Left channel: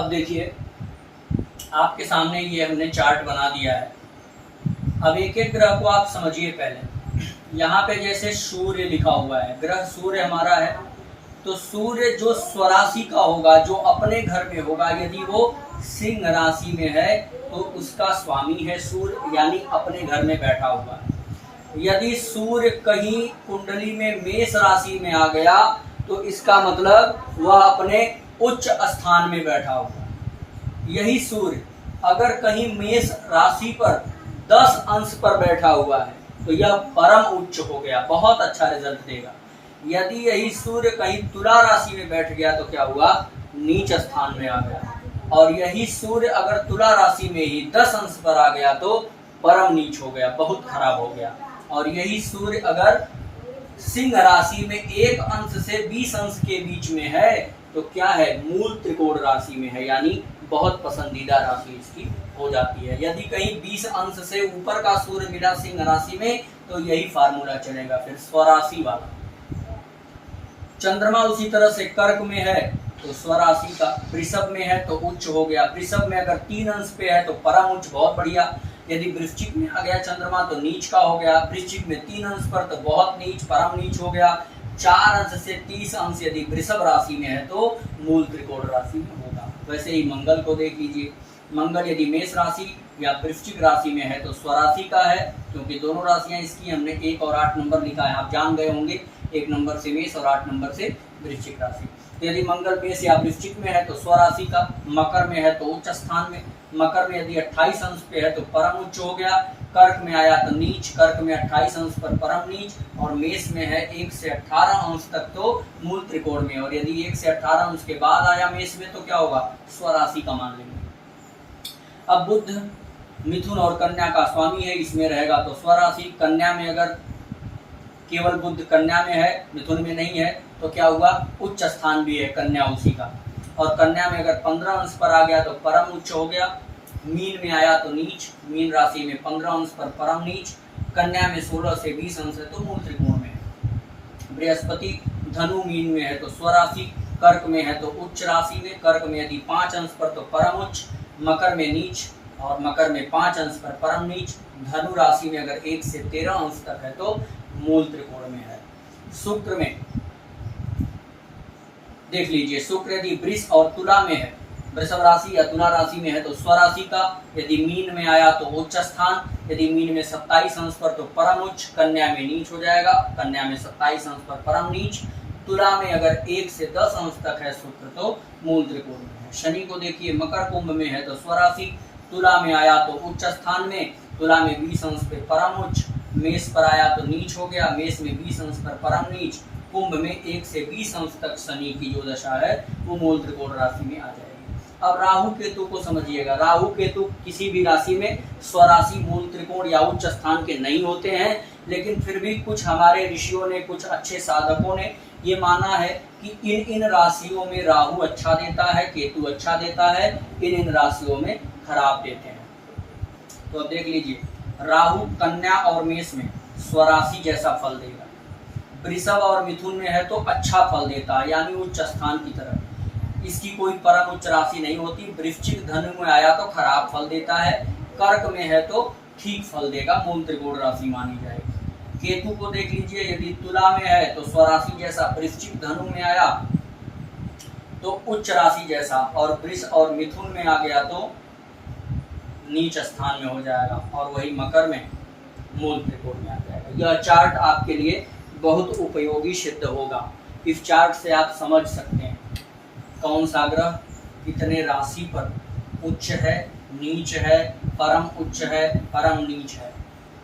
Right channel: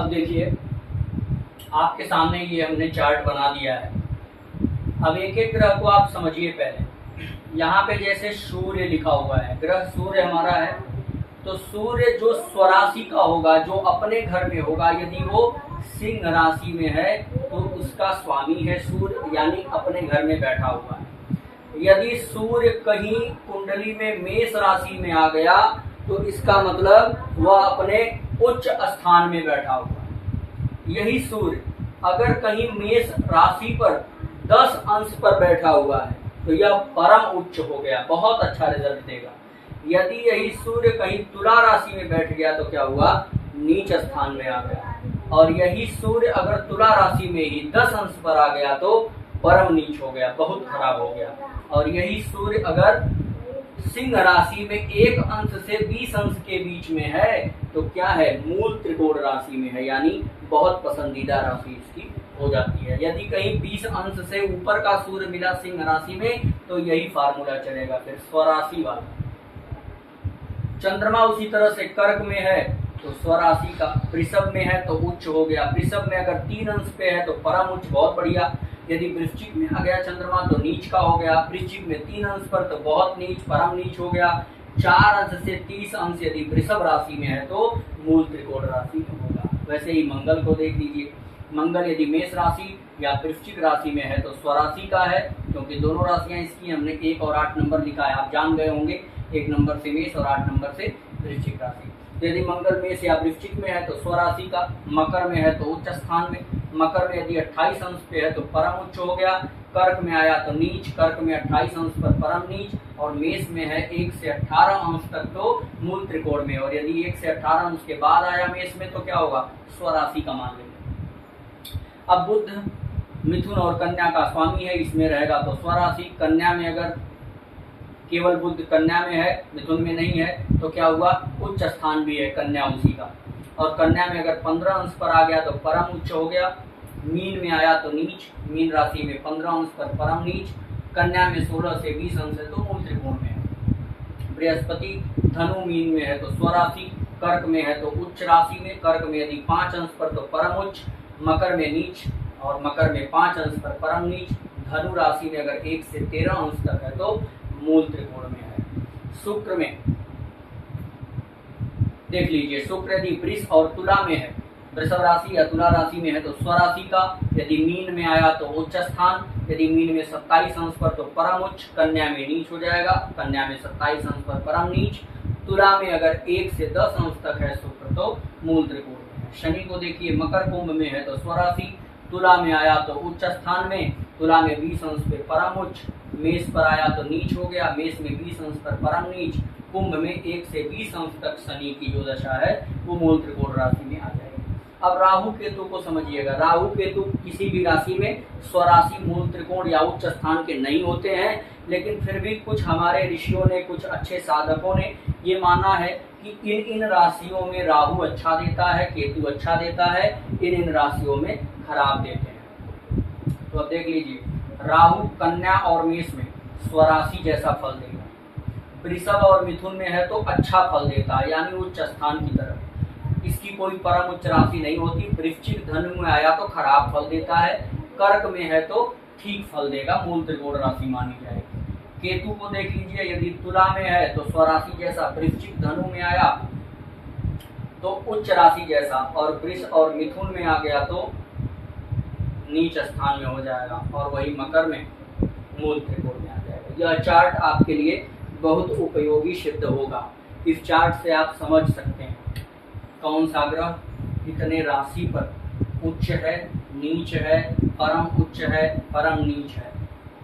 अब देखिए आपके सामने ये हमने चार्ट बना दिया है। अब एक एक ग्रह को आप समझिए। पहले यहाँ पे जैसे सूर्य लिखा हुआ है, ग्रह सूर्य हमारा है, तो सूर्य जो स्वराशि का होगा, जो अपने घर में होगा, यदि वो सिंह राशि में है तो उसका स्वामी है सूर्य, यानी अपने घर में बैठा हुआ है। यदि सूर्य कहीं कुंडली में मेष राशि में आ गया तो इसका मतलब वह अपने उच्च स्थान में बैठा हुआ है। यही सूर्य अगर कहीं मेष राशि पर 10 अंश पर बैठा हुआ है तो यह परम उच्च हो गया, बहुत अच्छा रिजल्ट देगा। यदि यही सूर्य कहीं तुला राशि में बैठ गया तो क्या हुआ, नीच स्थान में आ गया। और यही सूर्य अगर तुला राशि में ही 10 अंश पर आ गया तो परम नीच हो गया, बहुत खराब हो गया। और यही सूर्य अगर सिंह राशि में 1 अंश से 20 अंश के बीच में है तो क्या है, मूल त्रिकोण राशि में है, यानी बहुत पसंदीदा राशि इसकी हो जाती है। यदि कहीं 20 अंश से ऊपर का सूर्य मिला सिंह राशि में तो यही फार्मूला चलेगा फिर स्वराशि वाला। चंद्रमा उसी तरह से कर्क में है तो स्वराशि का, वृषभ में है तो उच्च हो गया, वृषभ में अगर 3 अंश पे है तो परम उच्च, बहुत बढ़िया। यदि वृश्चिक में आ गया चंद्रमा तो नीच का हो गया, वृश्चिक में 3 अंश पर तो बहुत नीच, परम नीच हो गया। 4 अंश से 30 अंश यदि वृषभ राशि में है तो मूल त्रिकोण राशि में होगा। वैसे ही मंगल को देख लीजिए, मंगल यदि मेष राशि या वृश्चिक राशि में है तो स्वराशि का है, क्योंकि दोनों राशियां इसकी हमने 1 और 8 नंबर लिखा है, आप जान गए होंगे, 1 नंबर से मेष और 8 नंबर से वृश्चिक राशि। तो यदि मंगल मेष या वृश्चिक में है तो स्वराशि का, मकर में है तो उच्च स्थान में, मकर में यदि 28 अंश पे है तो परम उच्च हो गया, कर्क में आया तो नीच, कर्क में 28 अंश पर परम नीच, और मेष में है 1 से 18 अंश तक तो मूल त्रिकोण में, और यदि 1 से 18 अंश के बाद आया मेष में तो क्या होगा, स्वराशि का मान लेंगे। अब बुध मिथुन और कन्या का स्वामी है, इसमें रहेगा तो स्वराशि। कन्या में अगर केवल बुध कन्या में है, मिथुन में नहीं है, तो क्या हुआ, उच्च स्थान भी है कन्या उसी का। और कन्या में अगर 15 अंश पर आ गया तो परम उच्च हो गया, मीन में आया तो नीच, मीन राशि में 15 अंश पर परम नीच, कन्या में 16 से 20 अंश है तो मूल त्रिकोण में है। बृहस्पति धनु मीन में है तो स्वराशि, कर्क में है तो उच्च राशि में, कर्क में यदि 5 अंश पर तो परम उच्च, मकर में नीच और मकर में 5 अंश पर परम नीच, धनु राशि में अगर 1 से 13 अंश तक है तो मूल त्रिकोण में है। शुक्र में देख लीजिए, शुक्र यदि वृष और तुला में है, वृषभ राशि या तुला राशि में है तो स्वराशि का, यदि मीन में आया तो उच्च स्थान, यदि मीन में 27 अंश पर तो परम उच्च, कन्या में नीच हो जाएगा, कन्या में 27 अंश पर परम नीच, तुला में अगर 1 से 10 अंश तक है शुक्र तो मूल त्रिकोण में है। शनि को देखिए, मकर कुंभ में है तो स्वराशि, तुला में आया तो उच्च स्थान में, तुला में 20 अंश पे परम उच्च, मेष पर आया तो नीच हो गया, मेष में 20 अंश पर परम नीच, कुंभ में 1 से 20 अंश तक शनि की जो दशा है वो मूल त्रिकोण राशि में आ जाएगी। अब राहु केतु को समझिएगा, राहु केतु किसी भी राशि में स्वराशि, मूल त्रिकोण या उच्च स्थान के नहीं होते हैं, लेकिन फिर भी कुछ हमारे ऋषियों ने, कुछ अच्छे साधकों ने ये माना है कि इन राशियों में राहु अच्छा देता है, केतु अच्छा देता है, इन राशियों में खराब देते हैं। तो अब देख लीजिए, राहु कन्या और मेष में स्वराशि जैसा फल देगा, वृषभ और मिथुन में है तो अच्छा फल देता है, यानी उच्च स्थान की तरह, इसकी कोई परम उच्च राशि नहीं होती। वृश्चिक धनु में आया तो खराब फल देता है, कर्क में है तो ठीक फल देगा, मूल त्रिकोण राशि मानी जाएगी। केतु को देख लीजिए, यदि तुला में है तो स्वराशि जैसा, वृश्चिक धनु में आया तो उच्च राशि जैसा, और वृष और मिथुन में आ गया तो नीच स्थान में हो जाएगा, और वही मकर में मूल त्रिकोण में आ जाएगा। यह चार्ट आपके लिए बहुत उपयोगी सिद्ध होगा। इस चार्ट से आप समझ सकते हैं कौन सा ग्रह कितने राशि पर उच्च है, नीच है, परम उच्च है, परम नीच है।